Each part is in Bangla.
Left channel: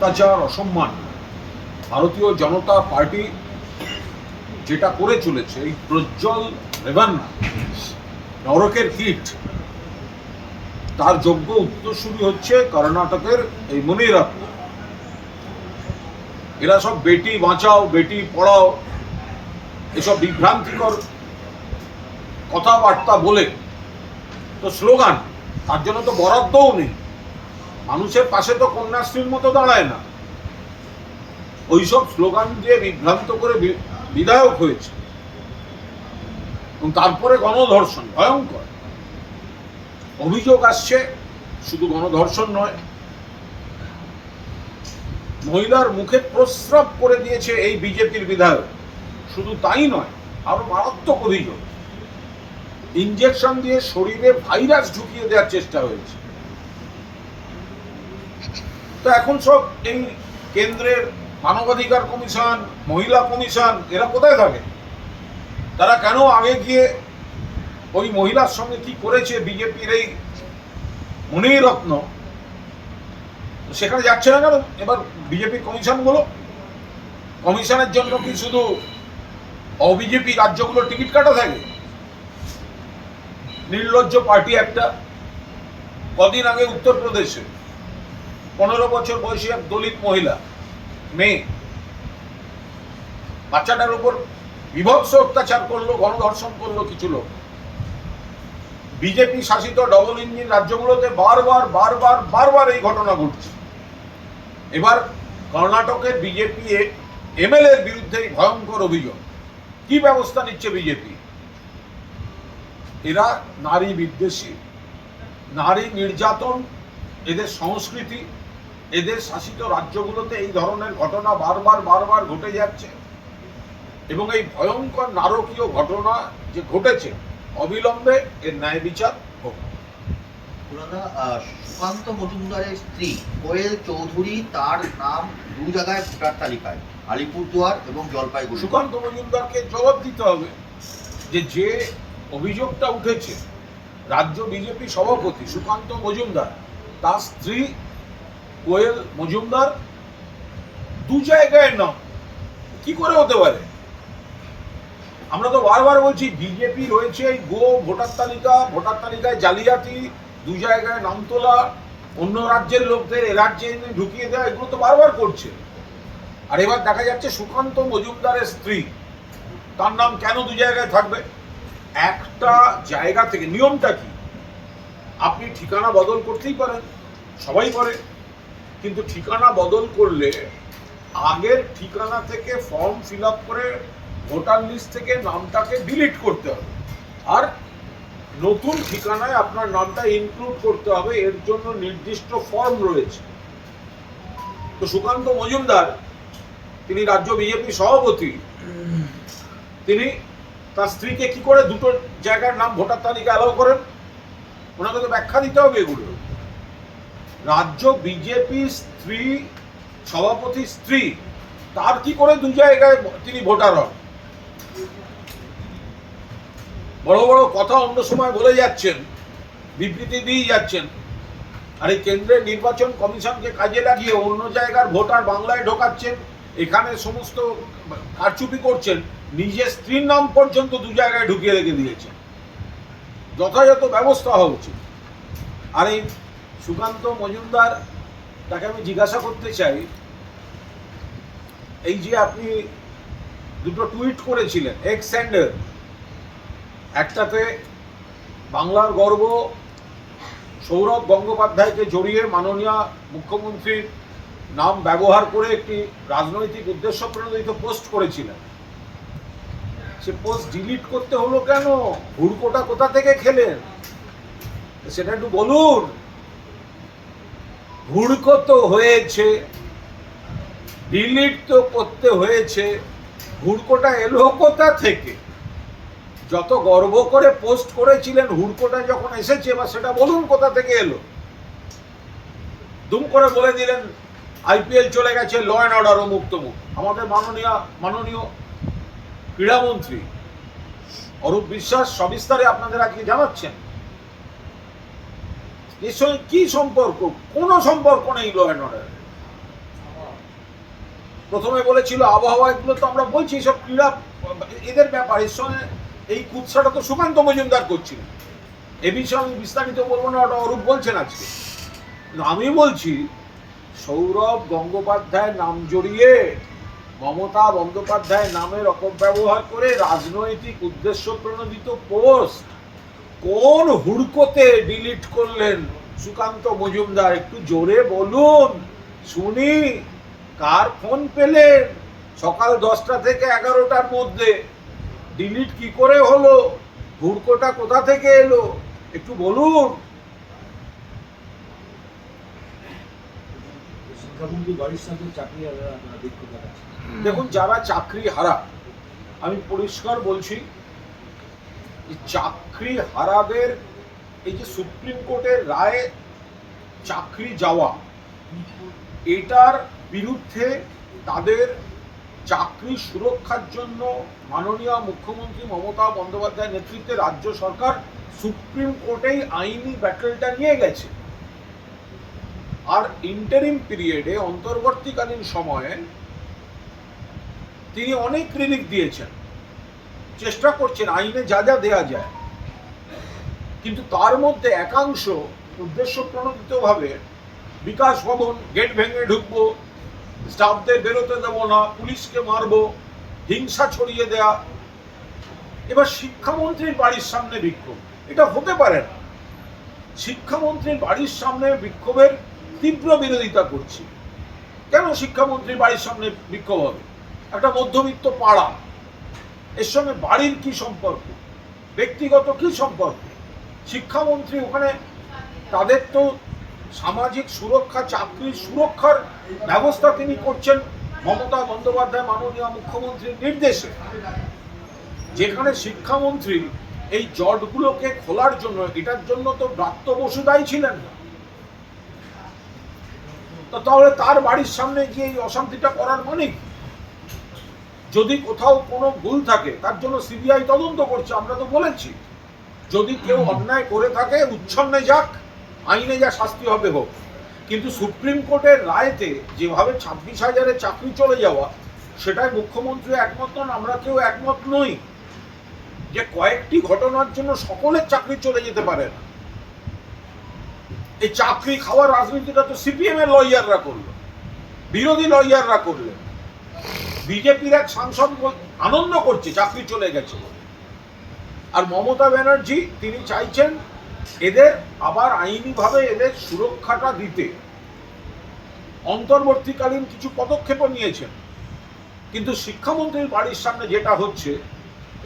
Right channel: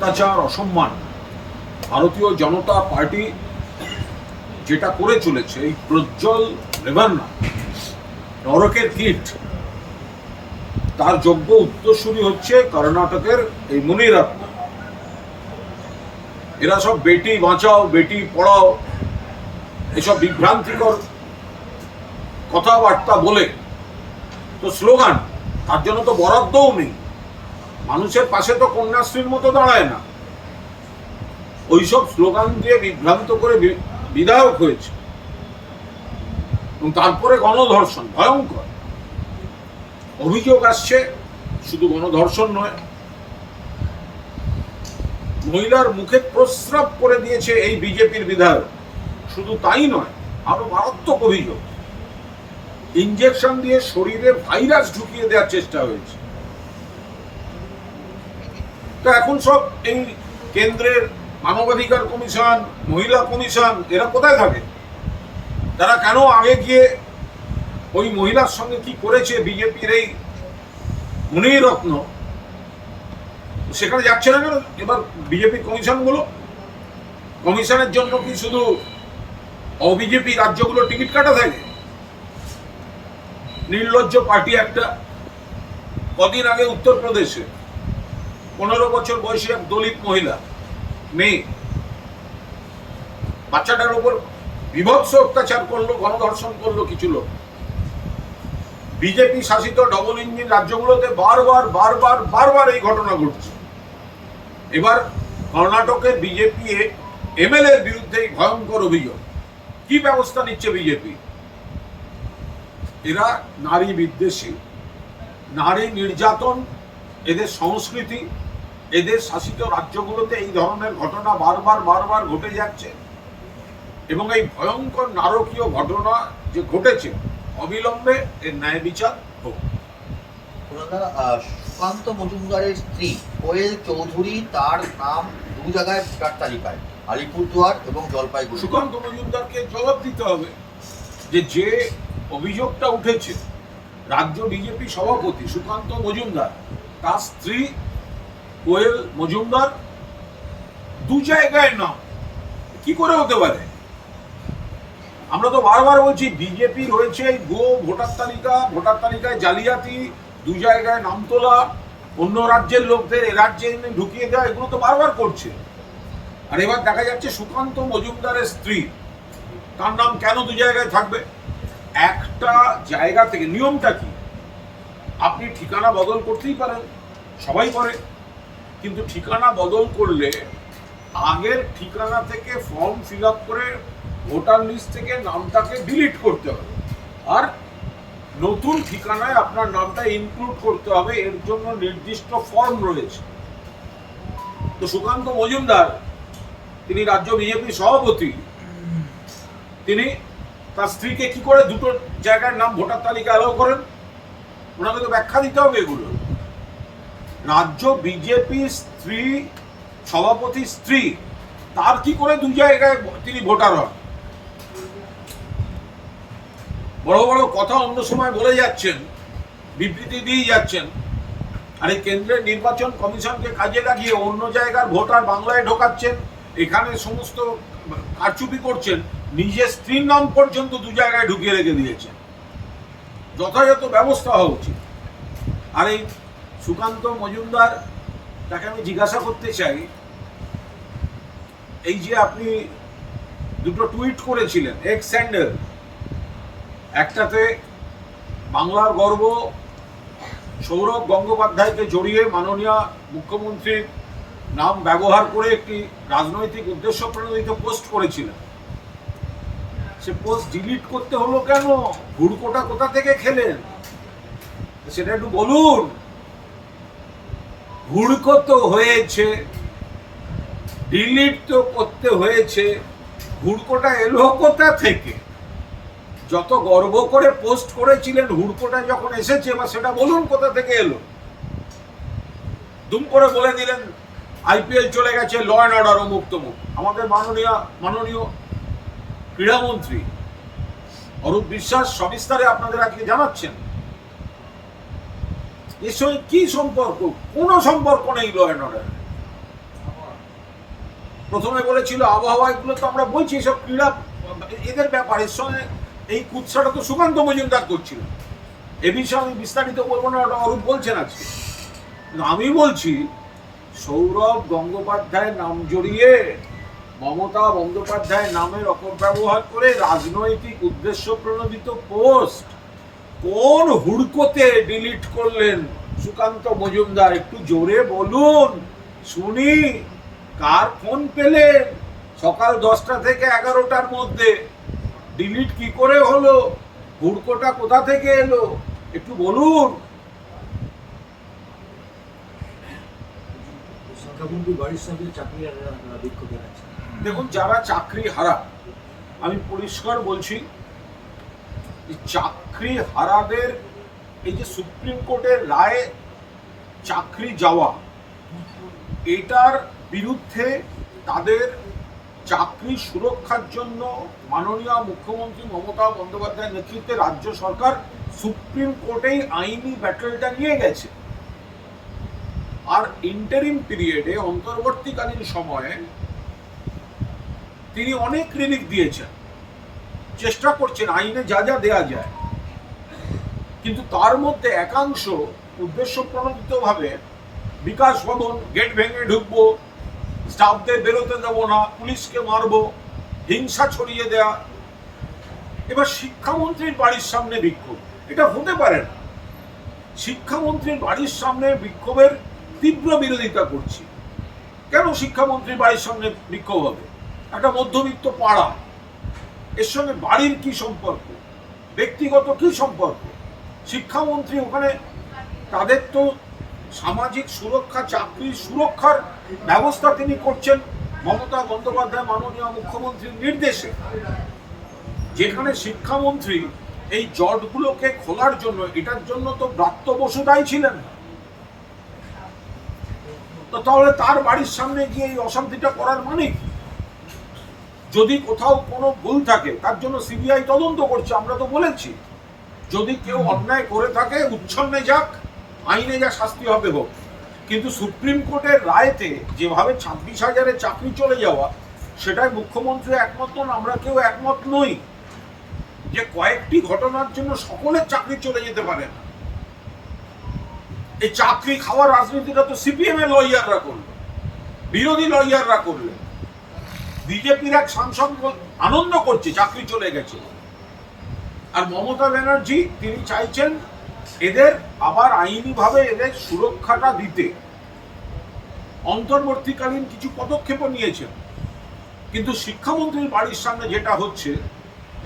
অত্যাচার, অসম্মান। ভারতীয় জনতা পার্টি যেটা করে চলেছে, এই প্রজ্জ্বল রেবান্না নরকের কীট, তার যোগ্য উত্তরসূরি হচ্ছে কর্ণাটকের এই মুনিরত্ন এরা সব বেটি বাঁচাও, বেটি পড়াও, এসব বিভ্রান্তিকর কথাবার্তা বলে। তো স্লোগান, তার জন্য তো বরাদ্দও নেই। মানুষের পাশে তো কন্যাশ্রীর মতো দাঁড়ায় না। ওইসব স্লোগান দিয়ে বিভ্রান্ত করে বিধায়ক হয়েছে। এবং তারপরে গণধর্ষণ, ভয়ঙ্কর। অভিযোগ আসছে, শুধু গণধর্ষণ নয়। মহিলার মুখে প্রস্রাব করে দিয়েছে এই বিজেপির বিধায়ক। শুধু তাই নয়, আরও মারাত্মক অভিযোগ। ইঞ্জেকশন দিয়ে শরীরে ভাইরাস ঢুকিয়ে দেওয়ার চেষ্টা হয়েছে। তো এখন সব এই কেন্দ্রের মানবাধিকার কমিশন, মহিলা কমিশন, এরা কোথায় থাকে? তারা কেন আগে গিয়ে ওই মহিলার সঙ্গে কি করেছে? বিজেপির এই মনিরত্ন। সেখানে যাচ্ছে না কেন? এবার বিজেপির কমিশনগুলো? কমিশনের জন্য কি শুধু অবিজেপি রাজ্যগুলো টিকিট কাটা থাকে? নির্লজ্জ পার্টি একটা কদিন আগে উত্তরপ্রদেশে। পনেরো বছর বয়সী এক দলিত মহিলা, মেয়ে। বাচ্চাটার উপর বিভৎস অত্যাচার করল, গণধর্ষণ করল কিছু লোক। বিজেপি শাসিত ডবল ইঞ্জিন রাজ্যগুলোতে বারবার বারবার বারবার এই ঘটনা ঘটছে। এবার কর্ণাটকে বিজেপি এমএলএর বিরুদ্ধে ভয়ঙ্কর অভিযোগ। কি ব্যবস্থা নিচ্ছে বিজেপি? এরা নারী বিদ্বেষী, নারী নির্যাতন, এদের সংস্কৃতি এদের শাসিত রাজ্যগুলোতে এই ধরনের ঘটনা বারবার বারবার ঘটে যাচ্ছে। এবং এই ভয়ঙ্কর নারকীয় ঘটনা যে ঘটেছে অবিলম্বে এর ন্যায় বিচার হোক। সুকান্ত মজুমদারের স্ত্রী কোয়েল চৌধুরী তার নাম দু জায়গায় ভোটার তালিকায় আলিপুরদুয়ার এবং জলপাইগুড়ি। সুকান্ত মজুমদারকে জবাব দিতে হবে যে যে অভিযোগটা উঠেছে রাজ্য বিজেপি সভাপতি সুকান্ত মজুমদার তার স্ত্রী কোয়েল মজুমদার দু জায়গায় নাম কি করে হতে পারে? আমরা তো বারবার বলছি বিজেপি রয়েছে, গো, ভোটার তালিকা, ভোটার তালিকায় জালিয়াতি, দু জায়গায় নাম তোলা, অন্য রাজ্যের লোকদের এ রাজ্যে ঢুকিয়ে দেওয়া, এগুলো তো বারবার করছে। আর এবার দেখা যাচ্ছে, সুকান্ত মজুমদারের স্ত্রী, তার নাম কেন দু জায়গায় থাকবে? একটা জায়গা থেকে, নিয়মটা কি? আপনি ঠিকানা বদল করতেই পারেন, সবাই করে। কিন্তু ঠিকানা বদল করলে আগের ঠিকানা থেকে ফর্ম ফিল করে ভোটার লিস্ট থেকে নামটাকে ডিলিট করতে হবে। আর নতুন ঠিকানায় আপনার নামটা ইনক্লুড করতে হবে, এর জন্য নির্দিষ্ট ফর্ম রয়েছে। তো সুকান্ত মজুমদার, তিনি রাজ্য বিজেপি সভাপতি, তিনি তার স্ত্রীকে কি করে দুটো জায়গার নাম ভোটার তালিকা অ্যালাউ করেন? ওনাকে তো ব্যাখ্যা দিতে হবে এগুলো। রাজ্য বিজেপির স্ত্রী সভাপতি স্ত্রী, তার কি করে দু জায়গায় তিনি ভোটার হন? বড় বড় কথা অন্য সময় বলে যাচ্ছেন, বিবৃতি দিয়ে যাচ্ছেন। আর এই কেন্দ্রের নির্বাচন কমিশনকে কাজে লাগিয়ে অন্য জায়গার ভোটার বাংলায় ঢোকাচ্ছেন এখানে সমস্ত কারচুপি করছেন, নিজের স্ত্রীর নাম পর্যন্ত দু জায়গায় ঢুকিয়ে রেখে দিয়েছেন। যথাযথ ব্যবস্থা হওয়া উচিত। আর এই সুকান্ত মজুমদার, তাকে আমি জিজ্ঞাসা করতে চাই, এই যে আপনি দুটো টুইট করেছিলেন এক্স স্যান্ডার একটাতে বাংলার গর্ব, সৌরভ গঙ্গোপাধ্যায়কে জড়িয়ে মাননীয় মুখ্যমন্ত্রীর নাম ব্যবহার করে একটি রাজনৈতিক উদ্দেশ্য প্রণোদিত পোস্ট করেছিলেন। সে পোস্ট ডিলিট করতে হলো কেন? হুড়কোটা কোথা থেকে খেলেন? সেটা একটু বলুন। হুড়কো তো হয়েছে, ডিলিট তো করতে হয়েছে হুড়কোটা এলো কোথা থেকে? যত গর্ব করে পোস্ট করেছিলেন হুড়কোটা যখন এসেছে, এবার সেটা বলুন কোথা থেকে এলো? দুম করে বলে দিলেন, আইপিএল চলে গেছে ল অ্যান্ড অর্ডার ও মুক্তমুখ। আমাদের মাননীয় মাননীয় ক্রীড়ামন্ত্রী অরূপ বিশ্বাস সবিস্তারে আপনাদের আজকে জানাচ্ছেন? এর সঙ্গে কি সম্পর্ক? কোনো সম্পর্ক নেই ল অ্যান্ড অর্ডার প্রথমে বলেছিল আবহাওয়া, এগুলো তো আমরা বলছি সব ক্রীড়া, এদের ব্যাপার। এর সঙ্গে এই কুৎসাটা তো সুকান্ত মজুমদার করছিল। এ বিষয়ে আমি বিস্তারিত বলব না, ওটা অরূপ বলছেন আজকে। কিন্তু আমি বলছি, সৌরভ গঙ্গোপাধ্যায়ের নাম জড়িয়ে, মমতা বন্দ্যোপাধ্যায় নামের অপব্যবহার করে রাজনৈতিক উদ্দেশ্য প্রণোদিত পোস্ট কোন হুড়কোতে ডিলিট করলেন? সুকান্ত মজুমদার একটু জোরে বলুন। শুনি কার ফোন পেলেন? সকাল দশটা থেকে এগারোটার মধ্যে। ডিলিট কি করে হলো? হুড়কোটা কোথা থেকে এলো? একটু বলুন। বাড়ির সামনে চাকরি দেখুন যারা চাকরি হারা আমি পরিষ্কার বলছি চাকরি হারাদের, এই যে সুপ্রিম কোর্টের রায়ে চাকরি যাওয়া, এটার বিরুদ্ধে তাদের চাকরি সুরক্ষার জন্য মাননীয় মুখ্যমন্ত্রী মমতা বন্দ্যোপাধ্যায়ের নেতৃত্বে রাজ্য সরকার সুপ্রিম কোর্টেই আইনি ব্যাটেলটা নিয়ে গেছে। আর ইন্টারিম পিরিয়ডে অন্তর্বর্তীকালীন সময়ে, তিনি অনেক রিলিফ দিয়েছেন। চেষ্টা করছেন, আইনে যা যা দেয়া যায়। কিন্তু তার মধ্যে একাংশ উদ্দেশ্য প্রণোদিতভাবে বিকাশ ভবন, গেট ভেঙে ঢুকবো, স্টাফদের বেরোতে দেবো না, পুলিশকে মারবো, হিংসা ছড়িয়ে দেয়া। এবার শিক্ষামন্ত্রীর বাড়ির সামনে বিক্ষোভ। এটা হতে পারে না। শিক্ষামন্ত্রীর বাড়ির সামনে বিক্ষোভের তীব্র বিরোধিতা করছি। কেন শিক্ষামন্ত্রীর বাড়ির সামনে বিক্ষোভ হবে? একটা মধ্যবিত্ত পাড়া। এর সঙ্গে বাড়ির কি সম্পর্ক? ব্যক্তিগত কি সম্পর্ক? শিক্ষামন্ত্রী ওখানে তাদের তো সামাজিক সুরক্ষা, চাকরির সুরক্ষার ব্যবস্থা তিনি করছেন মমতা বন্দ্যোপাধ্যায়, মাননীয় মুখ্যমন্ত্রীর নির্দেশে। যেখানে শিক্ষামন্ত্রী এই জটগুলোকে খোলার জন্য, এটার জন্য তো ব্রাত্য বসু দায়ী ছিলেন। তো তাহলে তার বাড়ির সামনে গিয়ে এই অশান্তিটা করার মানে কি? যদি কোথাও কোনো ভুল থাকে তার জন্য সিবিআই তদন্ত করছে আমরা তো বলেছি। যদি কেউ অন্যায় করে থাকে উচ্ছন্নে যাক আইনে যা শাস্তি হবে হোক। কিন্তু সুপ্রিম কোর্টের রায়তে যেভাবে ছাব্বিশ হাজারের চাকরি চলে যাওয়া সেটাই মুখ্যমন্ত্রী একমত নন আমরা কেউ একমত নই। যে কয়েকটি ঘটনার জন্য সকলের চাকরি চলে যেতে পারে না। এই চাকরি খাওয়ার রাজনীতিটা তো সিপিএম এর লয়াররা করল। বিরোধী লয়াররা করলেন। বিজেপির এক সাংসদ আনন্দ করছে, চাকরি চলে গেছে। আর মমতা ব্যানার্জি, তিনি চাইছেন এদের আবার আইনিভাবে এদের সুরক্ষাটা দিতে। অন্তর্বর্তীকালীন কিছু পদক্ষেপও নিয়েছেন। কিন্তু শিক্ষামন্ত্রীর বাড়ির সামনে যেটা হচ্ছে,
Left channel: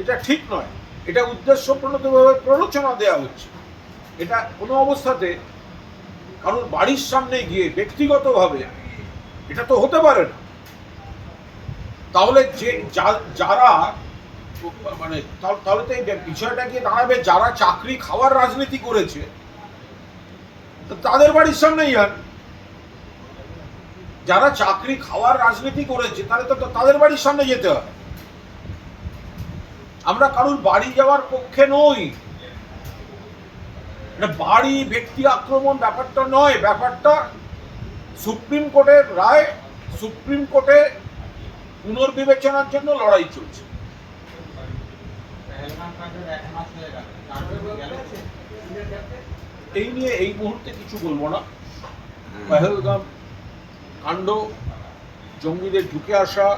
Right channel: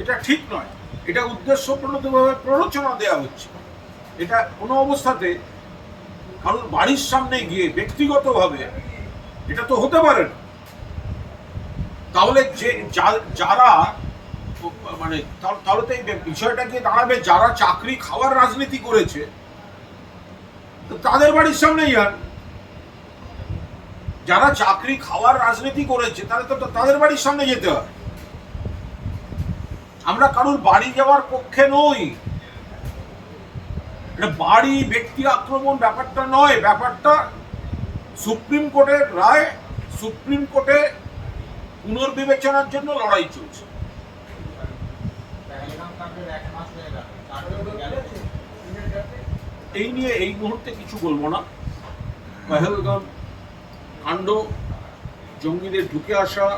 এটা ঠিক নয়। এটা উদ্দেশ্য প্রণোদিতভাবে প্ররোচনা দেওয়া হচ্ছে। এটা কোনো অবস্থাতে কারোর বাড়ির সামনে গিয়ে ব্যক্তিগতভাবে এটা তো হতে পারে না। তাহলে যে যারা মানে তাহলে তো এই বিষয়টা গিয়ে দাঁড়াবে? যারা চাকরি খাওয়ার রাজনীতি করেছে তাদের বাড়ির সামনেই যান যারা চাকরি খাওয়ার রাজনীতি করেছে, তাহলে তো তাদের বাড়ির সামনে যেতে হয়। আমরা কারুর বাড়ি যাওয়ার পক্ষে নই। বাড়ি, ব্যক্তি আক্রমণ ব্যাপারটা নয়। ব্যাপারটা সুপ্রিম কোর্টের রায়, সুপ্রিম কোর্টে পুনর্বিবেচনার জন্য লড়াই চলছে। এই নিয়ে এই মুহূর্তে কিছু বলব না। পেহেলগাম কাণ্ড, জঙ্গিদের ঢুকে আসা,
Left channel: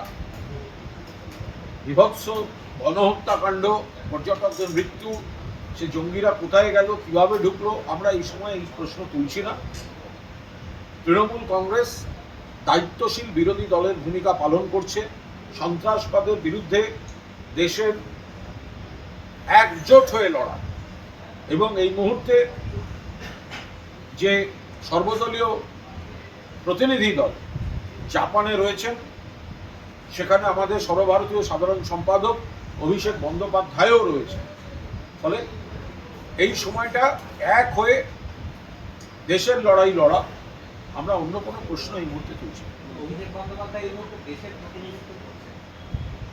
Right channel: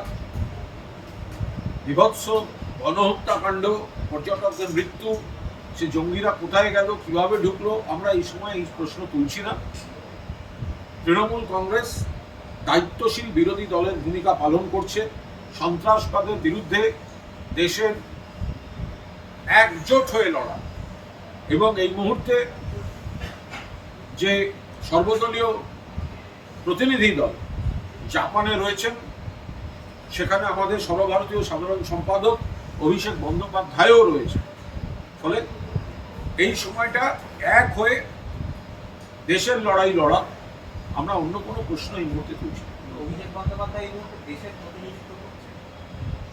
বিভৎস গণহত্যাকাণ্ড পর্যটকদের মৃত্যু, সে জঙ্গিরা কোথায় গেল, কীভাবে ঢুকলো, আমরা এই সময় এই প্রশ্ন তুলছি না। তৃণমূল কংগ্রেস দায়িত্বশীল বিরোধী দলের ভূমিকা পালন করছে। সন্ত্রাসবাদের বিরুদ্ধে দেশের একজোট হয়ে লড়া এবং এই মুহূর্তে যে সর্বদলীয় প্রতিনিধি দল জাপানে রয়েছেন, সেখানে আমাদের সর্বভারতীয় সাধারণ সম্পাদক অভিষেক বন্দ্যোপাধ্যায়ও রয়েছে ফলে এই সময়টা এক হয়ে দেশের লড়াই লড়া। আমরা অন্য কোনো প্রশ্ন এই মুহূর্তে তুলছি না। অভিষেক বন্দ্যোপাধ্যায় এই মুহূর্তে দেশের প্রতিনিধিত্ব করছে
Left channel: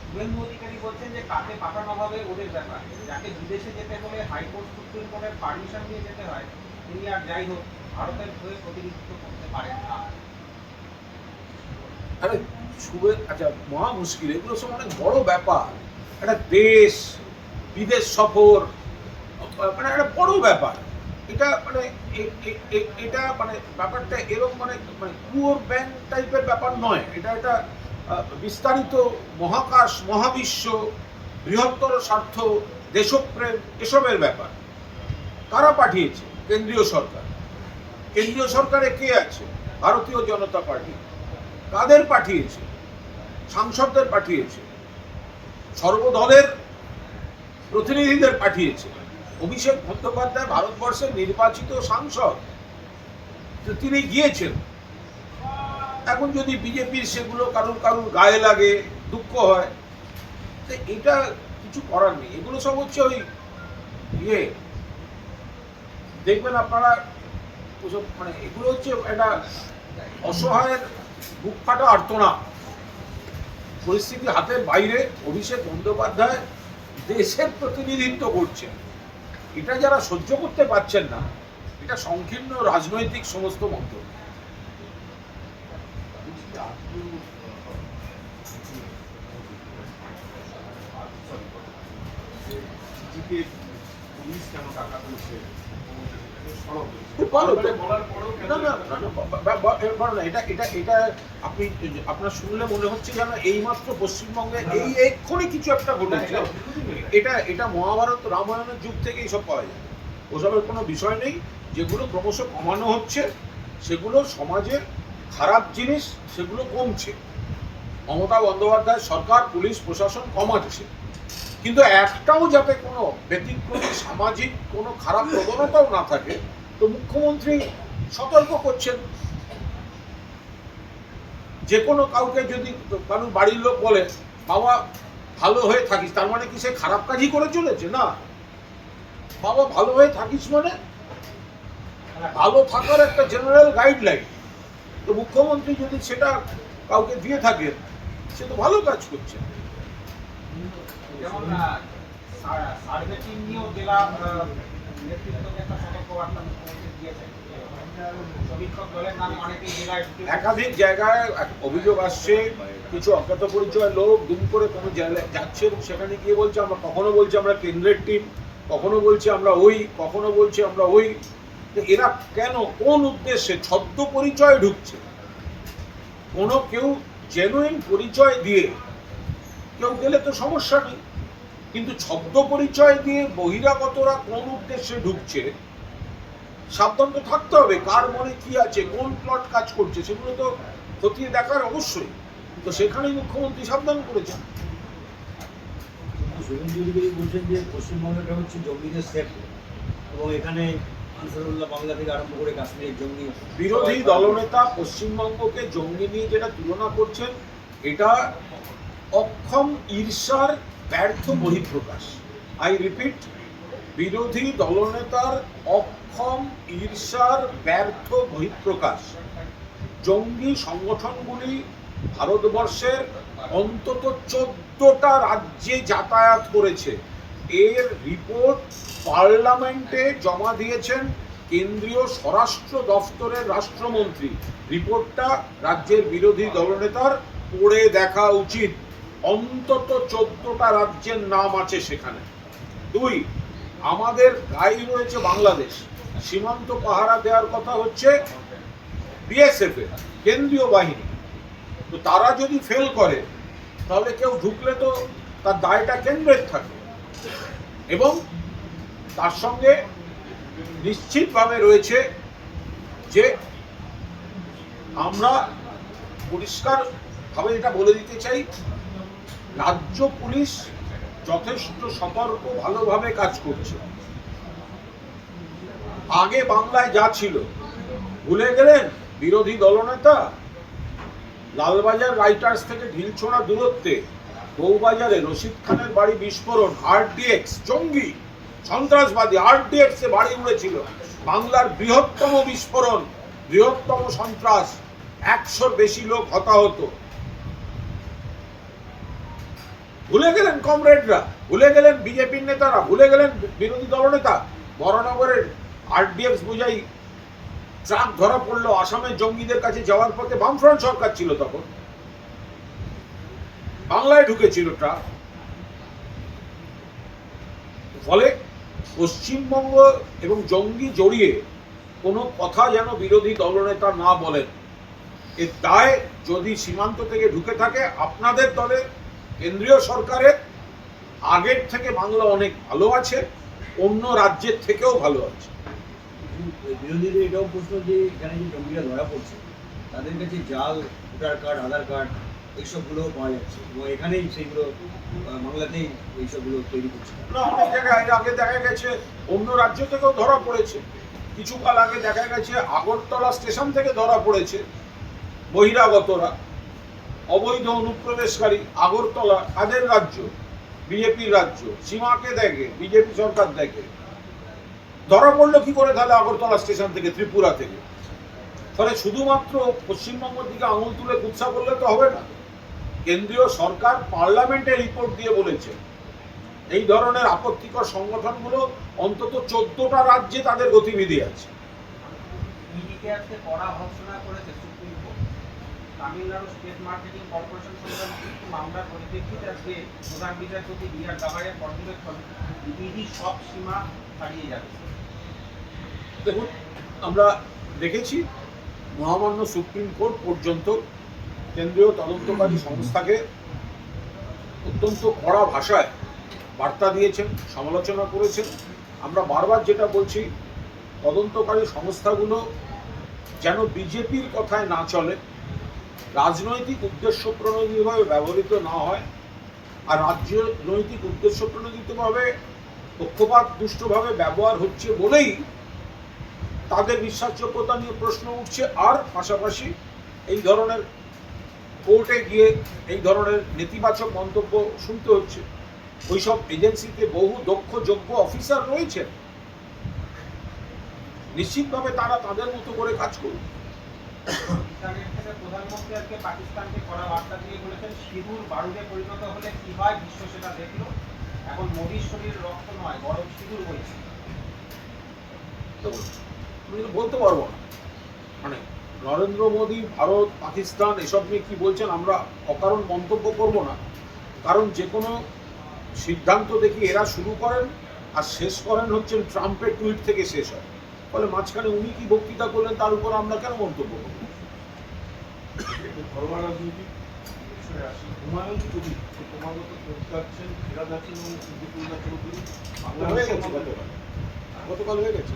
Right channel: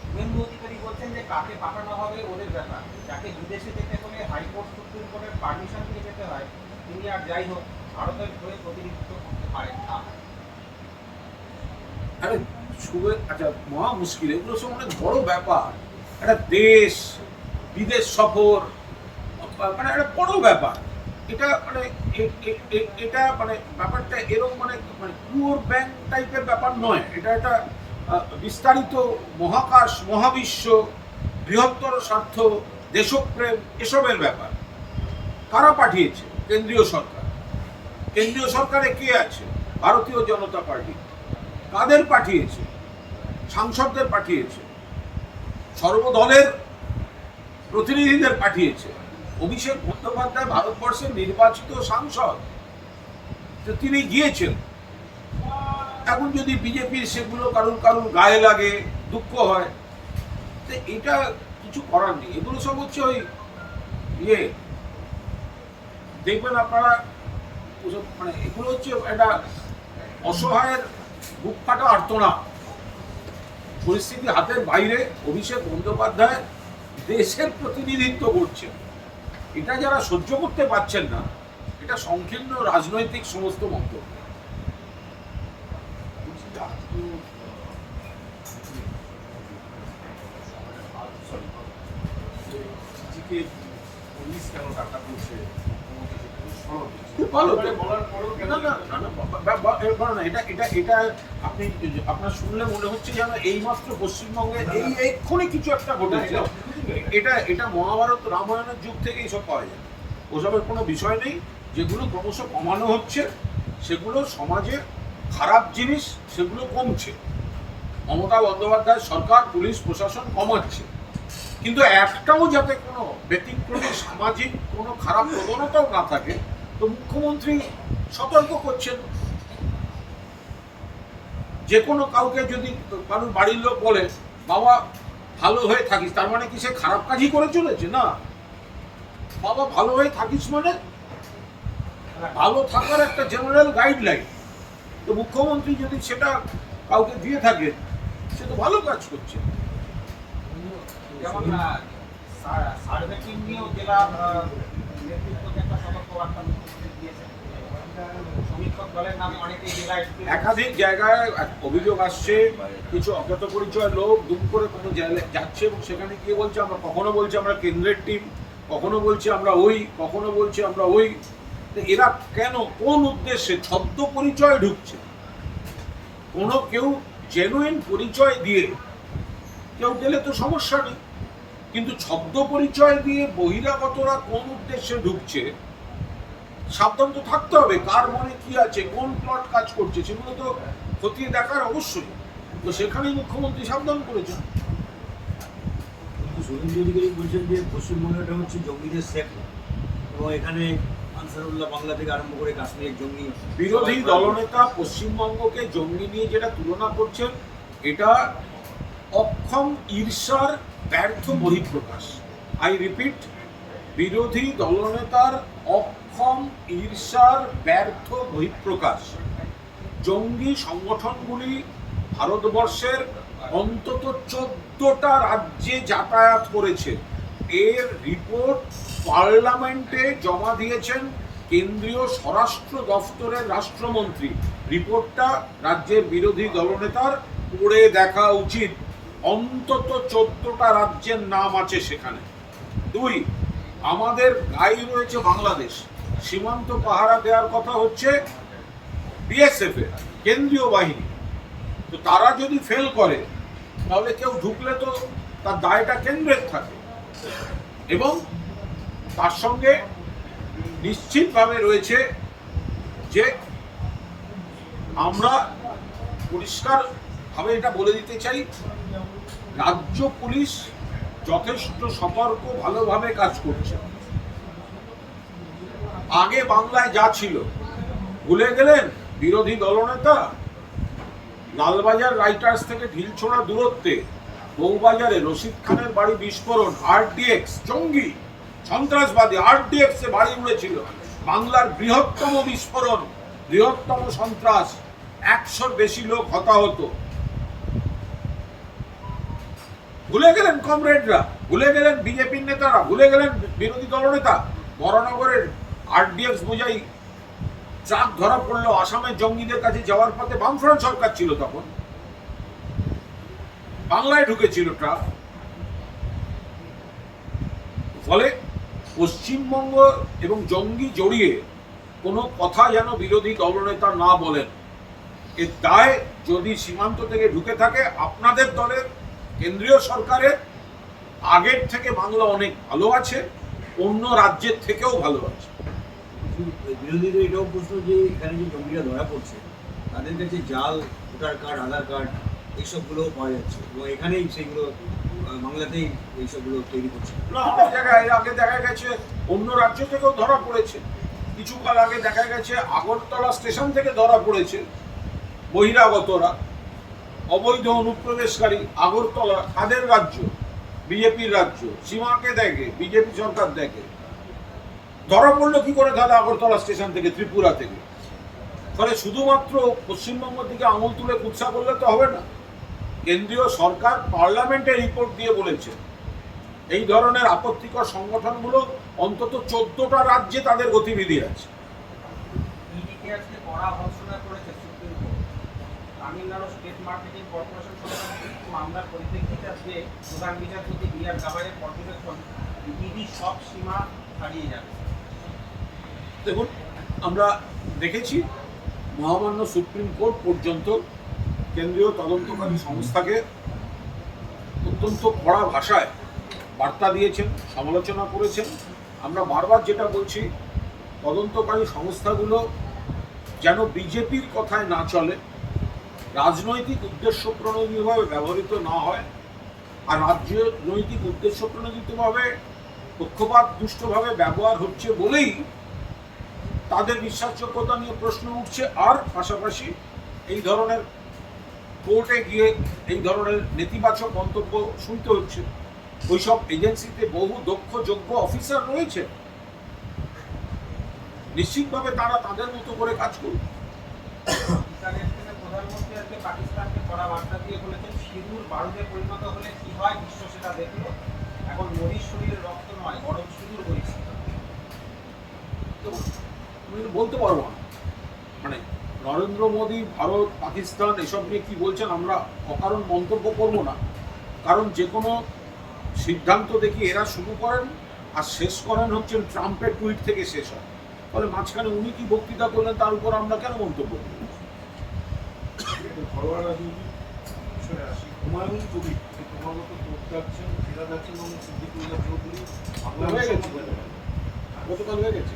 শুভেন্দু অধিকারী বলছেন যে কাকে পাঠানো হবে ওদের ব্যাপার। যাকে বিদেশে যেতে হলে হাইকোর্ট সুপ্রিম কোর্টের পারমিশন নিয়ে যেতে হয় তিনি আর যাই হোক ভারতের হয়ে প্রতিনিধিত্ব করতে পারেন না। আরে শুভে আচ্ছা মহা মুশকিল এগুলো সব অনেক বড় ব্যাপার। একটা দেশ বিদেশ সফর মানে একটা বড় ব্যাপার। এটা মানে এটা মানে ব্যাপারটা এরকম মানে মানে পুয়োর ব্যাংক টাইপের ব্যাপার নয়। এটা একটা বিস্তারিত মহাকাশ, মহাবিশ্ব, বৃহত্তর স্বার্থ, দেশপ্রেম এসবের ব্যাপার। কারা পাঠিয়েছে? কেন্দ্রীয় সরকার। কেন্দ্রীয় সরকারে কে আছে? ভারতীয় জনতা পার্টি। কাদের পাঠিয়েছে? সাংসদদের পাঠিয়েছে? সর্বদলের প্রতিনিধিদের পাঠিয়েছে? অভিষেক বন্দ্যোপাধ্যায় ভারতবর্ষের নির্বাচিত সাংসদ। তো তিনি গিয়েছেন। এখন যদি বিজেপির সেগুলো কারুর কারুর গায়ে লাগে, দুঃখ হয়, তো এটা কিছু করার নেই। এগুলো সব হচ্ছে ওই ইয়ে। দেখবেন আপনারা মানে এগুলো হচ্ছে একটা অসহায়ের বুক ফাটা আর্তনা। পরিস্থিতি হাতের বাইরে। অভিষেক বন্দ্যোপাধ্যায় দেশের প্রতিনিধিত্ব করছেন। এটা যারা সহ্য করতে পারছেন না, এটা সংকীর্ণ রাজনৈতিক সমস্ত মন্তব্য। আপনি, আপনার শুনলে মনে হচ্ছে যেন এইমাত্র পশ্চিমবঙ্গে এই এক্ষুনি কিছু একটা ঘটেছে। এটা এটা মহাভারত রামায়ণের যুগ থেকে এইসব পাওয়া যায়। ওসবের কোনো বিষয় নেই। যেগুলো ক্রমশ কমানো হচ্ছে, সেগুলো সমাজে খারাপ জিনিস, সেগুলো কমছে। মমতা বন্দ্যোপাধ্যায় সরকার, পুলিশ, প্রশাসন কমাচ্ছে। কিন্তু একটাও যাতে কোনো ব্যতিক্রমী, সামাজিক কোনো খারাপ প্রবণতাও না থাকে, তো মুখ্যমন্ত্রী সতর্ক করছেন। যে কোনো কাউকে যদি কারণ বাড়ির লোক বলে, বাবা ভালো হয়ে থাকিস, তার মানে কি সে খারাপ কাজই করে চলেছে? না। বাবা, ভালো হয়ে থাকিস মানে ভালো থাকার একটা জেনারেল গাইডলাইন তো মুখ্যমন্ত্রী যদি সেটা কাউকে দিয়ে থাকে, সে তো ভালো কাজ করছে। সার্ভে টিম নিয়েও জেলা নেতৃত্বকে একটা সতর্কবার্তা মুখ্যমন্ত্রী দিয়েছেন। একাধিক জায়গায় অভিযোগ আসছে, কিছু অজ্ঞাত পরিচয় লোক দুম করে কোনো জায়গায় যাচ্ছে এবং সেখানে গিয়ে বলছে আমরা কখনো বলছি আমরা কেন্দ্রের টিম কখনো বলছি আমরা ওই, কখনো বলছি আমরা ওই। এরা কেন, কোন উদ্দেশ্যে ছদ্ম পরিচয় ঢুকছে? কোনো কেউ জেনুইন পরিচয় দিয়ে, কেউ গেলে তো সমস্যা নেই। কিন্তু ছদ্ম পরিচয় দিয়ে বহিরাগতরা কোন উদ্দেশ্যে ঢুকছে সাবধান তো থাকতে হবে কার মনে কি আছে কোন প্লট কাজ করছে সেগুলো তো খতিয়ে দেখার অবশ্যই। তো সেখানেই মুখ্যমন্ত্রী সাবধান করেছেন। শুভেন্দু অধিকারী বলছেন যে পশ্চিমবঙ্গটা হচ্ছে জঙ্গিদের সেফ এবং এখানে আনসারুল্লাহ বাংলা থেকে আরম্ভ করে কাশ্মীরের জঙ্গি। বিরোধী দলনেতা পশ্চিমবঙ্গকে জঙ্গি নিয়ে যেটা তুলনা করছেন এটা অক্ষম ঈর্ষার ব্যর্থ বহিঃপ্রকাশ। আই রিপিট বিরোধী দলনেতার অক্ষম ঈর্ষার ব্যর্থ বহিঃপ্রকাশ। জঙ্গি সংগঠনগুলি ভারতবর্ষের অন্তত চোদ্দটা রাজ্যে যাতায়াত করেছে। এর রিপোর্ট পার্লামেন্টে জমা দিয়েছেন কেন্দ্রীয় স্বরাষ্ট্র দফতরের রাষ্ট্রমন্ত্রী। রিপোর্টটা রাজ্যের বিরোধী দলনেতার পড়ে দেখা উচিত। অন্তত চোদ্দটা রাজ্যের নাম আছে সেখানে। দুই, আমাদের গাই রয়েছে বাংলাদেশ। সীমান্ত পাহারা দেওয়ার কথা হচ্ছে বিএসএফ এর, কেন্দ্রীয় বাহিনী। তো তারা যদি ফেল করে, তাহলে কেউ ঢুকলে তো তার দায়টা কেন্দ্রের থাকে। এবং তার সঙ্গে নিশ্চিতভাবে রয়েছে যে আমরা পরিষ্কারভাবে এটা বলে দিতে চাই, রাজ্য পুলিশ যথেষ্ট সতর্ক, ভালোভাবে কাজ করছে। আগে বাংলায় যা ছিল। ভুলে গেলেন বিরোধী দলনেতা? লালবাজার রাইটার্স থেকে ঢিলছোড়া দূরত্বে, বউবাজারে রশিদ খানের বাড়ি বিস্ফোরণ আরডিএক্স জঙ্গি, সন্ত্রাসবাদী আরডিএক্স এ বাড়ি উড়েছিল। বাংলার বৃহত্তম বিস্ফোরণ, বৃহত্তম সন্ত্রাস, একশোর বেশি লোক হতাহত। ভুলে গেলেন কমরেডরা, ভুলে গেলেন বিজেপির নেতারা, ভুলে গেলেন বিরোধী দলনেতা? বড়নগরের আরডিএক্স বোঝাই ট্রাক ধরা পড়ল আসামের জঙ্গিদের কাছে, যাওয়ার পথে বামফ্রন্ট সরকার ছিল তখন। বাংলায় ঢুকেছিল ট্রাক ফলে পশ্চিমবঙ্গ এবং জঙ্গি জড়িয়ে কোনো কথা যেন বিরোধী দলনেতা না বলেন। এর দায় যদি সীমান্ত থেকে ঢুকে থাকে, আপনাদের দলের কেন্দ্রীয় সরকারের, আগের থেকে বাংলা অনেক ভালো আছে, অন্য রাজ্যের থেকেও ভালো আছে। বিরোধীদের এটাও প্রশ্ন যে এখানে যে জঙ্গিরা ধরা পড়ছে, তাদের কাছে জাল, ভোটার কার্ড, আধার কার্ড এইসবগুলো পাওয়া যাচ্ছে এবং এখানেই সেইগুলো বাংলাতেই এইসবগুলো তৈরি করছে না, অনেক জায়গায় আগে দেখা গেছে, অন্য রাজ্য থেকেও ধরা পড়েছে। কিছুকাল আগে দেখা গেছে, আগরতলা স্টেশন থেকে ধরা পড়েছে বহিরাগতরা। অবৈধ অনুপ্রবেশকারী আগরতলা কাদের রাজ্য, বিজেপির রাজ্য, সীমাকে দেখে, বিজেপি সরকার দেখে। ধরা পড়ল কি করে তাহলে আগরতলা স্টেশন থেকে, ত্রিপুরা থেকে? ফলে শুধুমাত্র পশ্চিমবঙ্গের দিকে আঙুল তুলে কুৎসা করলে তো হবে না। কেন্দ্রীয় সরকার পার্লামেন্টে রিপোর্ট দিয়ে বলেছে, এই ধরনের আপত্তিকর সংগঠনগুলো অন্তত চোদ্দটা রাজ্যে তাদের গতিবিধি আছে। তামিলনাড়ু স্টেট মার্কেটিং পরিপ্রেক্ষিতে সব সীমা ছাড়িয়ে যাচ্ছে দেখুন, আমরা দেখেছি মহামান্য সুপ্রিম কোর্ট পর্যন্ত কেন্দ্রীয় তদন্তকারী সংস্থাকে অত্যন্ত কড়া ভাষায় বার্তা দিয়েছেন, সমালোচনা করেছেন। আমরা বারবার যেটা বলছি, তদন্তকারী সংস্থাগুলো যেন বিজেপির কথায় না চলে, রাজনৈতিক উদ্দেশ্য প্রণোদিতভাবে ব্যবহৃত না হয় আর রাজনৈতিক উদ্দেশ্য প্রণোদিতভাবে পক্ষপাত দুষ্টভাবে ব্যবহার হচ্ছে বলেই তাদের বিশ্বাসযোগ্যতা নিয়ে প্রশ্ন উঠছে। আর পাশাপাশি এই ধরনের কোর্টে গিয়ে এই ধরনের নেতিবাচক মন্তব্য শুনতে হচ্ছে। ওইসব এজেন্সিতে বহু দক্ষ যোগ্য অফিসার রয়েছে নিশ্চিতভাবে তারা তাদের মতো করে কাজ থেকে প্রধানমন্ত্রী আজকে পাকিস্তানকে কড়া বার্তা দিয়ে বলেছেন সিঁদুর বারুদে পরিণত হলে কি হয়? বিশ্ব সেটা দেখল। এখন মোদীর শরীরে রক্ত নয় বরং সিঁদুর বইছে তো বলতে পারব না। মানে নরেন্দ্র মোদী ভারত পাকিস্তান এসব নিয়ে কি বলছেন আমরা অকারণ মন্তব্য করব না। কারণ যে কোনো সিদ্ধান্ত দেখি এরা শুরু করেন আর শেষ করেন হচ্ছেন ট্রাম্পের টুইট থেকে শেষ হয়। ফলে মাঝখানে উনি কি বক্তৃতা করলেন তার উপর আমরা কেন মন্তব্য করব ঘরোয়া রাজনীতি বিষয়ে আসি হুমায়ুন কবির যে ক্রমাগত যাচ্ছেন ফেরা যাচ্ছেন এবং চৌধুরী গেছে সমাজে- গতকাল হয়ে গেছে।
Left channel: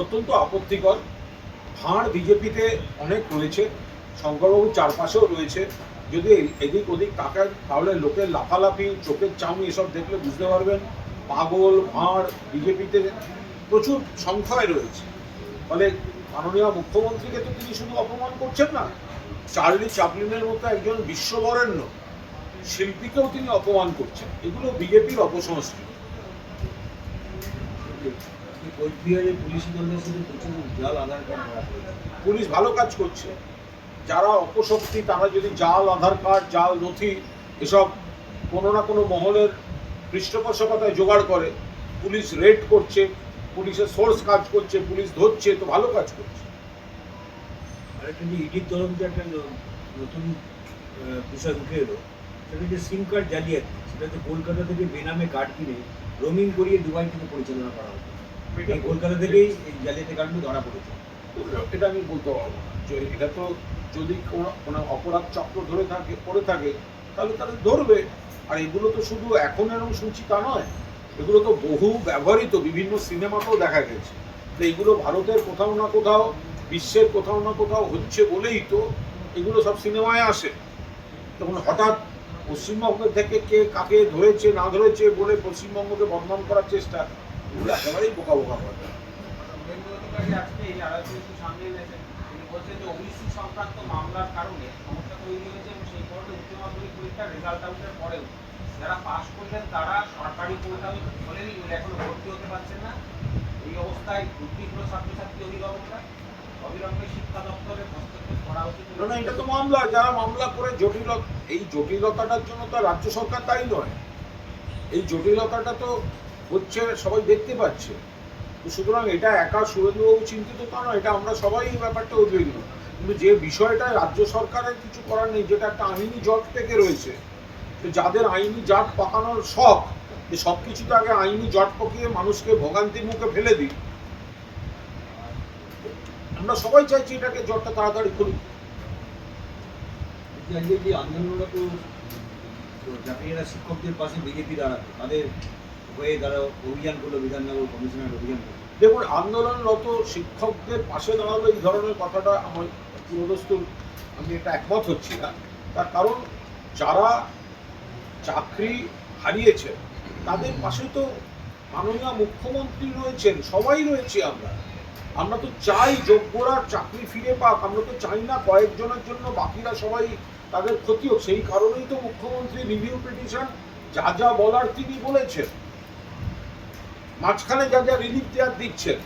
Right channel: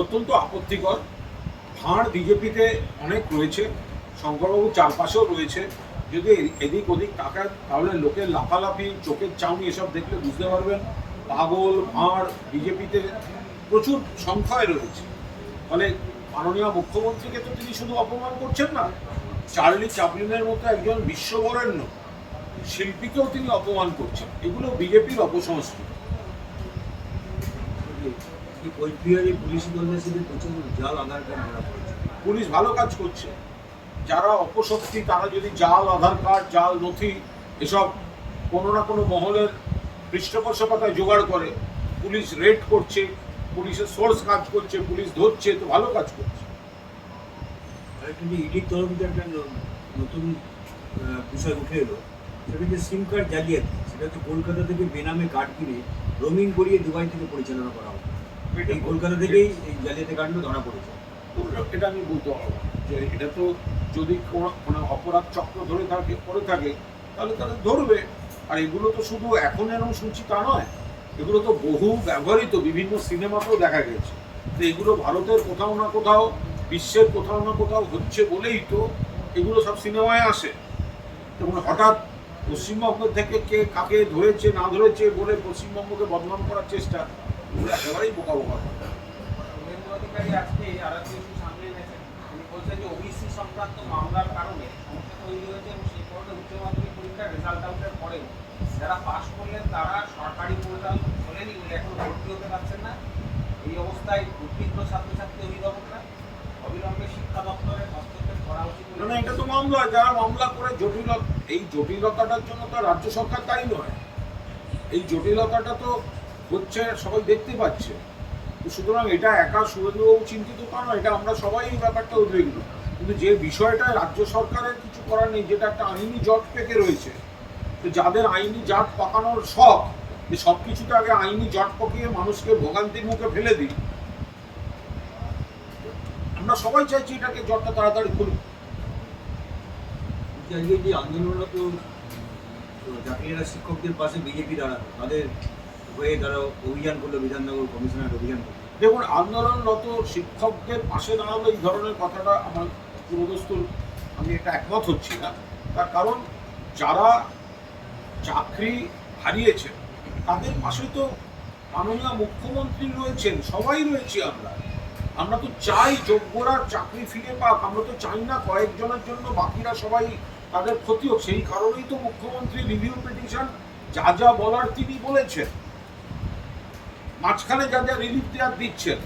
অত্যন্ত আপত্তিকর। ভাঁড় বিজেপিতে অনেক রয়েছে, শঙ্করবাবুর চারপাশেও রয়েছে। যদি এদিক ওদিক তাকায়, তাহলে লোকের লাফালাফি, চোখের চাউনি এসব দেখলে বুঝতে পারবেন। পাগল ভাঁড় বিজেপিতে প্রচুর সংখ্যায় রয়েছে। ফলে মাননীয় মুখ্যমন্ত্রীকে তো তিনি শুধু অপমান করছেন না চার্লি চাপলিনের মতো একজন বিশ্ববরেণ্য শিল্পীকেও তিনি অপমান করছেন। এগুলো বিজেপির অপসংস্কৃতি। পুলিশ ভালো কাজ করছে। যারা অপশক্তি তারা যদি জাল আধার কার্ড জাল নথি এসব কোনো না কোনো মহলের পৃষ্ঠপোষকতায় জোগাড় করে পুলিশ রেড করছে পুলিশের সোর্স কাজ করছে পুলিশ ধরছে তো ভালো কাজ করছে। ইডির তরফ থেকে একটা নতুন বিষয় উঠে এলো। সেটা যে সিম কার্ড জালিয়াতি সেটা হচ্ছে কলকাতা থেকে বেনামে কার্ড কিনে রোমিং করিয়ে দুবাই থেকে পরিচালনা করা হতো। এই কলকাতা থেকেই এই জালিয়াতি কার্ডগুলো ধরা পড়েছে। এটা আমি বলতে পারব না। যে এটা তো যদি কোনো কোনো অপরাধ চক্র ধরে থাকে করে থাকে তাহলে তাদের ধরবে। আর এগুলো তো শুধু এখন এরকম শুনছি তা নয়, এগুলো তো বহু ব্যবহৃত, বিভিন্ন সিনেমাতেও দেখা গেছে। তো এগুলো ভারতের কোথাও না কোথাও, বিশ্বের কোথাও না কোথাও হচ্ছে বলেই তো এগুলো সব সিনেমায় আসে। তখন হঠাৎ পশ্চিমবঙ্গ থেকে কে কাকে ধরেছে, না ধরেছে বলে পশ্চিমবঙ্গকে বদনাম করার চেষ্টা, এগুলো একেবারেই বোকা বোকা করে। আজকে সংক্রান্ত মামলার কারণে সমস্যা তৈরি হয়েছে। যারা পাশ করলেন তারা সরকারি পরিবার বলেনি এখনও ভর্তি হতে পারছেন না। এই অবস্থায় উদ্বিগ্ন ছাত্রছাত্রী অভিভাবকরা, অবিলম্বে শিক্ষা দপ্তরের হস্তক্ষেপ করা হাউসিং না এটা তো মামলা, যারা মামলা করে জটিল এই জটিলতাটার জন্য তো রাজ্য সরকার তাই নয়। এই জটিলতাটা তো হচ্ছে, সবাই দেখতে পাচ্ছে। তো সুতরাং এটা একা সুরেন্দ্রবাবু চিন্তিত তা নয়, এটা আমরা সবাই এই ব্যাপারটা উদ্বিগ্ন। কিন্তু যে বিষয়টা রাজ্য সরকারের কিছু করার নেই, যেটা একটা আইনি জট পেকে রয়েছে তো যাদের আইনি জাট পাকানোর শখ যে সব কিছুতে আগে আইনি জট পাকিয়ে মানুষকে ভোগান্তির মুখে ফেলে দিই। আমরা সবাই চাইছি এটাকে জটটা তাড়াতাড়ি খুলুক। যে আন্দোলনরত চাকরিরা শিক্ষকদের পাশে বিজেপি দাঁড়াবে তাদের হয়ে তারা অভিযান করল বিধাননগর কমিশনার অভিযান করল। দেখুন আন্দোলনরত শিক্ষকদের পাশে দাঁড়াল এই ধরনের কথাটা আমার পুরোদস্তুর আমি এটা একমত হচ্ছি না। তার কারণ যারা চাকরি হারিয়েছেন, তাদের পাশে তো মাননীয় মুখ্যমন্ত্রী রয়েছেন, সবাই রয়েছি আমরা। আমরা তো চাই যোগ্যরা চাকরি ফিরে পাক, আমরা তো চাই না কয়েকজনের জন্য বাকিরা সবাই তাদের ক্ষতি হোক। সেই কারণেই তো মুখ্যমন্ত্রী রিভিউ পিটিশন যা যা বলার তিনি বলেছেন। মাঝখানে যা যা রিলিফ দেওয়ার দিচ্ছেন।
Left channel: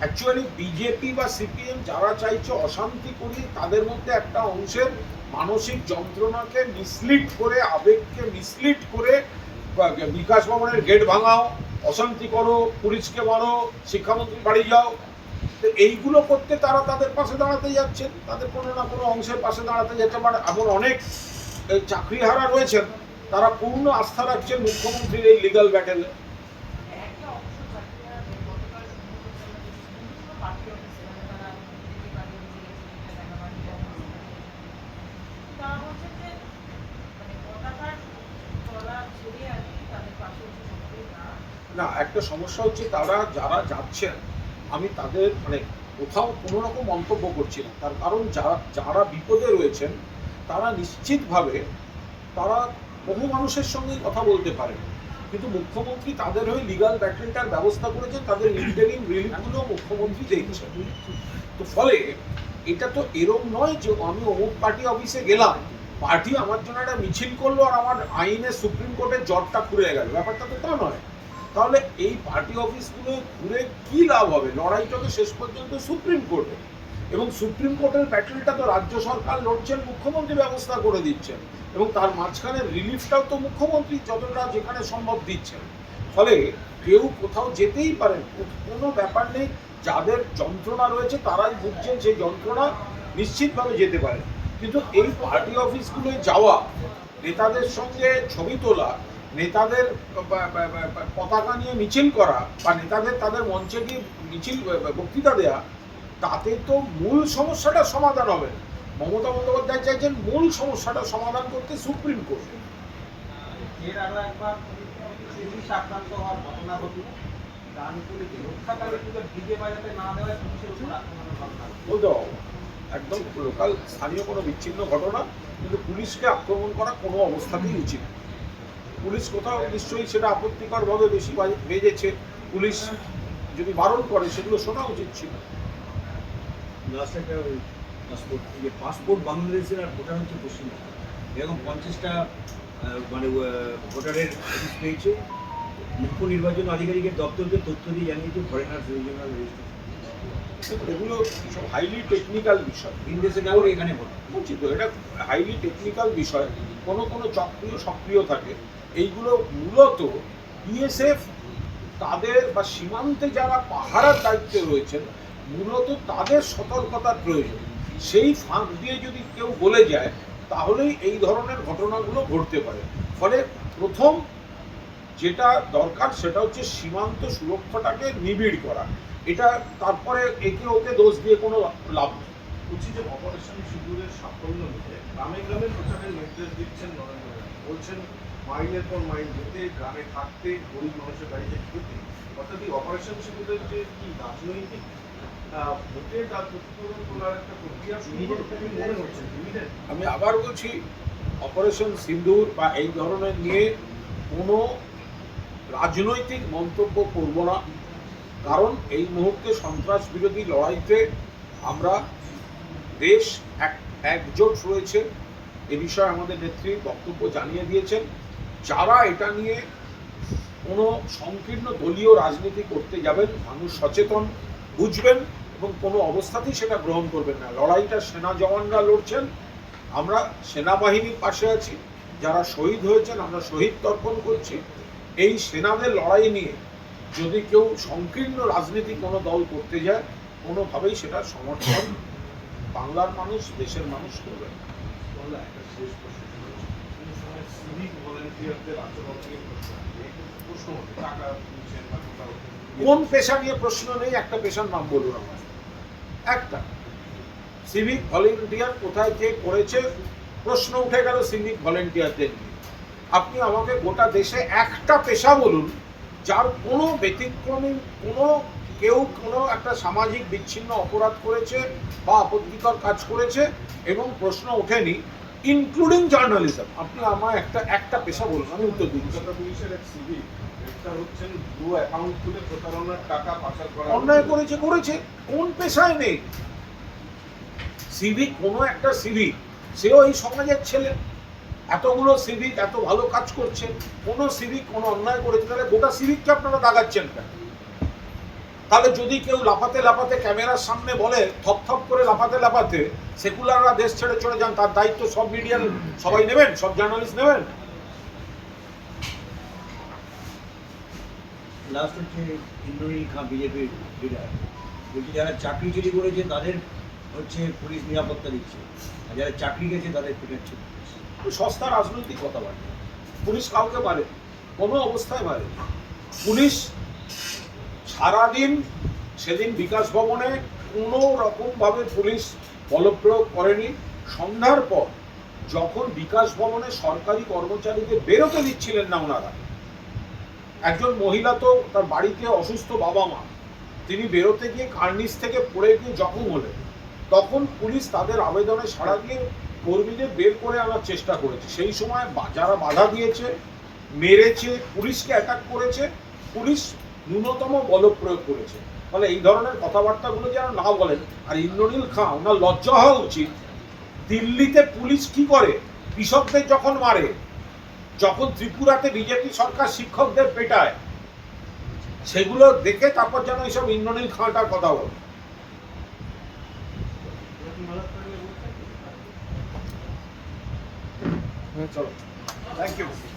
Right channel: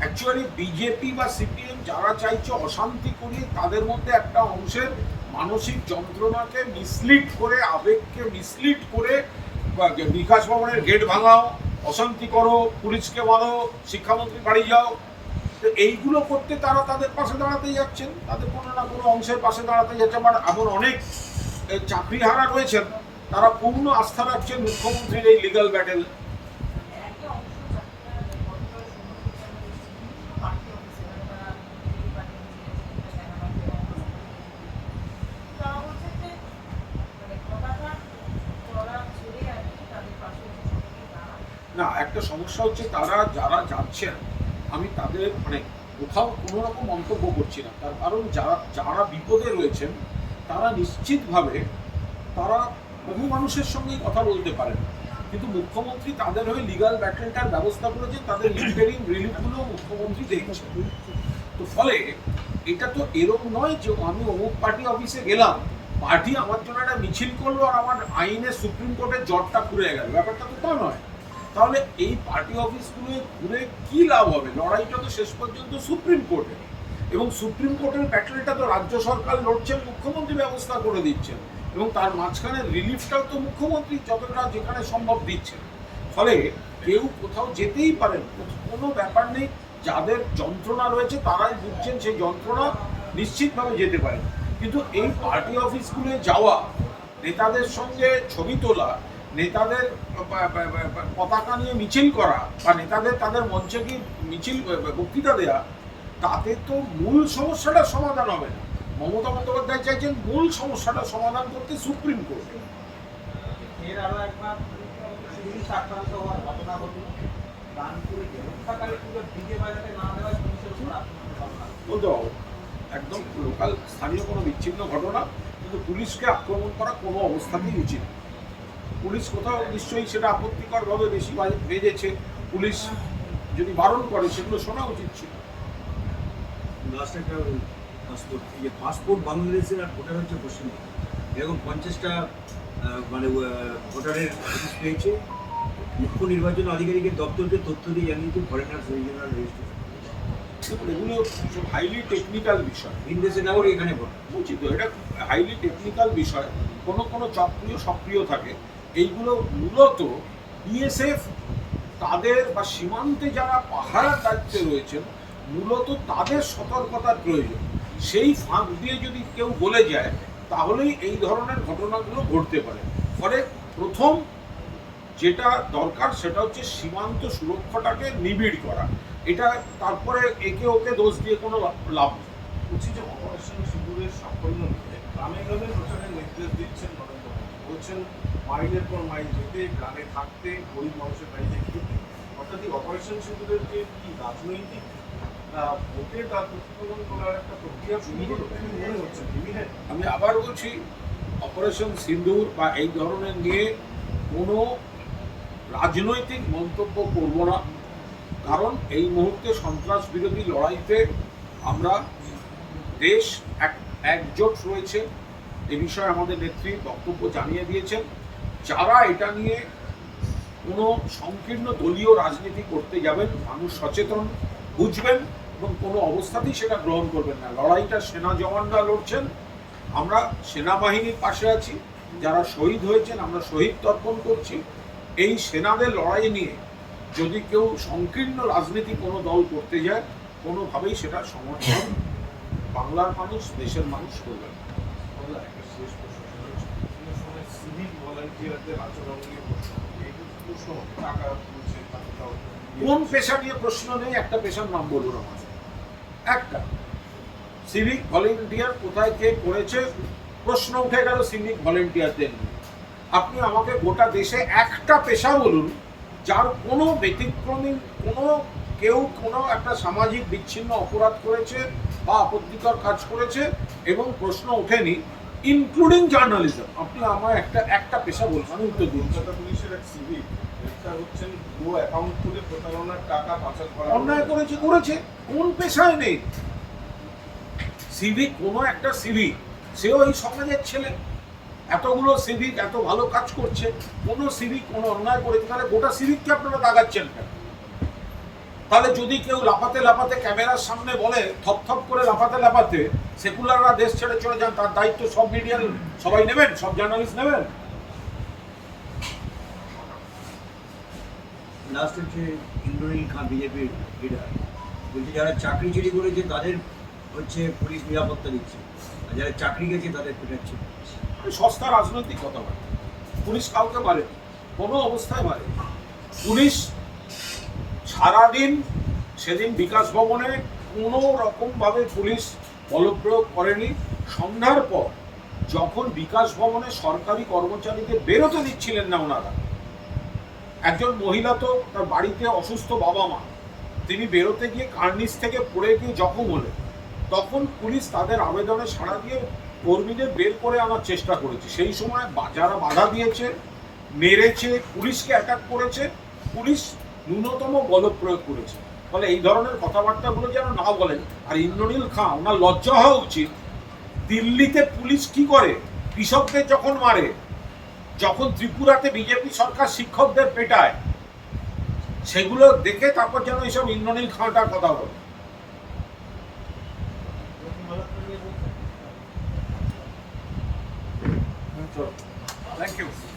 অ্যাকচুয়ালি বিজেপি বা সিপিএম যারা চাইছে অশান্তি করিয়ে, তাদের মধ্যে একটা অংশের মানসিক যন্ত্রণাকে মিসলিড করে, আবেগকে মিসলিড করে বিকাশ ভবনের গেট ভাঙাও, অশান্তি করো, পুলিশকে মারো, শিক্ষামন্ত্রী বাড়ি যাও। তো এইগুলো করতে তারা তাদের পাশে দাঁড়াতে যাচ্ছেন। তাদের কোনো না কোনো অংশের পাশে দাঁড়াতে যাচ্ছে। বাট এমন অনেক চাকরিহারা রয়েছেন। তারা পূর্ণ আস্থা রাখছেন মুখ্যমন্ত্রীর এই লিগাল ব্যাটেলে না একটা সমস্যা হচ্ছে তারা, যারা যাচ্ছেন আমি তাদের মানে কোথাও কোনো রকম মন্তব্য করছি না। তার কারণ যারা যারা বিপদে রয়েছেন, তারা নিশ্চিতভাবে, তারা বহু মানুষের সঙ্গেই কথা বলতে পারেন। কিন্তু মুখ্যমন্ত্রী তাদের হয়ে লিগাল ব্যাটেলটার ব্যবস্থা করেছেন তাদের ইন্টারিম রিলিফগুলো মুখ্যমন্ত্রী দেখছেন তো ফলে এটা তো এরম নয় যে আমি অমুক পার্টি অফিসে গেলাম পার্টি আমার জন্য একটা মিছিল করল আর আমার আইনে সুপ্রিম কোর্টের জটটা খুলে গেল। ব্যাপারটা তো তা নয়। তাহলে এই পার্টি অফিসগুলো ঘুরে কি লাভ হবে? লড়াইটা তো শেষ পর্যন্ত সুপ্রিম কোর্টে এবং সুপ্রিম কোর্টের ব্যাটেলটা তো রাজ্য সরকার লড়ছেন, মুখ্যমন্ত্রী ব্যবস্থা করে দিচ্ছেন। এবং তার মাঝখানে রিলিফটাও তো মুখ্যমন্ত্রী যতটা যেখানে সম্ভব দিচ্ছেন। ফলে কেউ কোথাও যেতেই পারেন, কোনো ব্যাপার নেই। যাদের যন্ত্রণা রয়েছে, তারাই বুঝছেন সেই যন্ত্রণা নিশ্চিতভাবে যেতে পারেন কিন্তু এই পার্টি অফিসগুলোয় যাওয়া, নেতাদের সঙ্গে ছবি তোলা নেতাদের পতাকা নিয়ে মিছিল করা বা নেতাদের তাদের মঞ্চে গিয়ে মিছিল বক্তৃতা দেয়া তাতে তো মূল সমস্যাটা সমাধান হবে না মমতা বন্দ্যোপাধ্যায় চাইছেন মূল সমস্যাটা সমাধান করতে সুপ্রিম কোর্টে এর আরও একবার আক্রান্ত হওয়ার ঘটনা ঘটল ডিজে বাজাতে না দেওয়ায় পুলিশের ঘটনা। একদম লোকাল স্থানীয় কোনো বিচ্ছিন্ন ঘটনা কিন্তু পুলিশকে আক্রমণ করা কোনো অবস্থাতেই উচিত। পুলিশ কোথাও নিশ্চয়ই সেটা আপত্তিকরভাবে বেশি বাজে- বেজেছে পুলিশ যদি বারণ করে সেগুলো শোনা উচিত ছিল। লাস্ট একটা পাসপোর্ট এই যে পাসপোর্ট বাংলাদেশের আর ভোটার হচ্ছে পশ্চিমবঙ্গ। এরকম পঞ্চাশটা মানে ভোটারের নোটিশ পেয়েছে। মুখ্য নির্বাচন আধিকারিকের দপ্তরকে তথ্য দিয়ে জানিয়েছে ফরেনার রিজিওনাল রেজিস্ট্রেশন এগুলো সব হাইলি টেকনিক্যাল বিষয়। ভিন দেশে নাগরিক এখানে ভোট? বলছি তো এটা হাইলি টেকনিক্যাল বিষয়। কোনো কোনো চক্রীয় সক্রিয় থাকে। এইগুলো মূলত বিএসএফ তাদের বা সীমান্তে যারা পাহারার দায়িত্বে রয়েছেন, মূলত তাদের সতর্কতার প্রয়োজন। সেই ফাঁক দিয়ে যদি কেউ বলে যায়, তাহলেই এই ধরনের ঘটনাগুলো ঘটতে পারে। ফলে প্রথম যেটা দরকার সেটা হচ্ছে সীমান্ত সুরক্ষাটাকে নিবিড় করা। এটা তারপরে একে ওকে দোষ দিয়ে কোনো লাভ নেই। যে অপারেশন সিঁদুরের সাফল্য নিতে গ্রামে গ্রামে প্রচারের নির্দেশ দিচ্ছেন নরেন্দ্র মোদী। বলছেন মাইলের পর মাইল যেতে গ্রামে থাকতে গরিব মানুষের বাড়িতে খেতে অর্থাৎ এই অপারেশন সিঁদুরের যে কি রাজনৈতিক আহ, ভোটে তার প্রতিফলন তোলার একটা প্রক্রিয়া মনে হচ্ছে? আমি আবার বলছি অপারেশন সিন্দুর বা এই ধরনের নিয়ে কোনো রাজনৈতিক মন্তব্য করব না। কারণ এই মুহূর্তে সন্ত্রাস বিরোধী লড়াইতে আমরা দেশ এক একজোট রয়েছে। এ বিষয়ে আমাদের নেত্রী বক্তব্য জানিয়ে দিয়েছেন। যারা এটা নিয়ে কোনো সংকীর্ণ দলীয় রাজনীতি করতে যাবেন, মানুষ সচেতন, বুঝবেন এবং কোনো অবস্থাতেই সেটা গ্রহণ করবেন না। লড়াইটা সেনা জওয়ানরা লড়ছেন, আমরা সেনাবাহিনীর পাশে আছি, যারা শহীদ হয়েছেন আমরা শহীদ তর্পণ করছি। এই সেনাদের লড়াই নিয়ে যদি কেউ সংকীর্ণ রাজনীতি কোনো দল করতে যায়, কোনোভাবেই সেটা সমর্থন বাংলার মানুষ, দেশের মানুষ করবে। বলে একটা শেষ প্রশ্ন সেটা হচ্ছে, কোনো সময় সিভিক কোন পেশা নিয়ে প্রশ্ন নেই, একটা পেশার নাম বলুন আমার একটা। সিভিক ভলেন্টিয়ার কোথায় কে করেছে, প্রশ্ন উঠে গেল সিভিক ভলেন্টিয়ারদের নিয়ে। আপনি আমাকে গোটা দেশে একটা পেশা বলুন, যার কোনো ব্যতিক্রমী, কোনো কেউ কোনো একটা সামাজিক বিচ্ছিন্ন অপরাধ করেছে বা আপত্তিকর কাজ করেছে এবং প্রশ্ন ওঠেনি ইনক্লুডিং জার্নালিজম আপনি আমার একটা একটা পেশা বলুন আমি উত্তর কলকাতা পুলিশের এক হচ্ছেন দু অ্যাকাউন্ট খুলে প্রতারণার টাকা পাচার করা অন্যায় করেছে করেছে। কোন পেশায় নেই? সিভিক কোনো একটা সিভিক সেও এই সমাজের ছেলে। এতগুলো সিভিক এত ভালো কাজ করছে। কোনো সিভিক কোনো অন্যায় করেছে। তাহলে গোটা সিভিককে আপনারা দাগাচ্ছেন কেন? তাহলে যদি কেউ লাফাতে লাফাতে ক্যামেরার সামনে বলে থপ থপ করে লাফাতে লাফাতে সেকুলাররা দেশ ছেড়ে চলে যান তার দায়িত্ব সব মিডিয়ার সবাই নেবেন সব জার্নালিস্ট নেবেন? লাস্ট হচ্ছে ইন্দ্রনীল খান বিজেপির লিডার বলছে যারা চাকরি চুরি করেছে তাদের হচ্ছে পুলিশ নিরাপত্তা দিচ্ছে। আর যারা চাকরি গেছে তাদের পেটাচ্ছে সস্তা রাজনৈতিক কথাবার্তা পুলিশ কাউকে মারে কোনো অবস্থায় মারে। পুলিশ সারাদিন সেদিন বিকাশ ভবনে কোনো রকমভাবে পুলিশ বলপ্রয়োগ করেনি। সন্ধ্যার পর যখন বিকাশ ভবনে সরকারি কর্মচারীদের বেরোতে দিচ্ছিলেন না ওনারা, একজন মহিলা তো তার বাড়িতে অসুস্থ বাবা মা, তিনি বেরোতে গিয়ে কার্নিস থেকে পড়ে গিয়ে জখম হলেন। তখন পুলিশ তাদের আবেদনে সাড়া দিয়ে কর্মীদের বের করে আনার চেষ্টা করেছে। সেই সময় যারা বাধা দিয়েছে, মেরেছে, পুলিশকে অ্যাটাক করেছে, পুলিশ ন্যূনতম বলপ্রয়োগ করেছে। ফলে এই ধরনের কথাবার্তাগুলো যেন না বলেন। আর ইন্দ্রনীল খাঁ ওনার লজ্জা হওয়া উচিত। দিল্লিতে পুলিশ কি করে? কৃষকদের যখন মারে যখন ত্রিপুরাতে বিজেপি সরকার শিক্ষকদের পেটায় সেগুলো দেখে তারপর যেন এইসব ইন্দ্রনীল খাঁটার কথা বলে। Thank you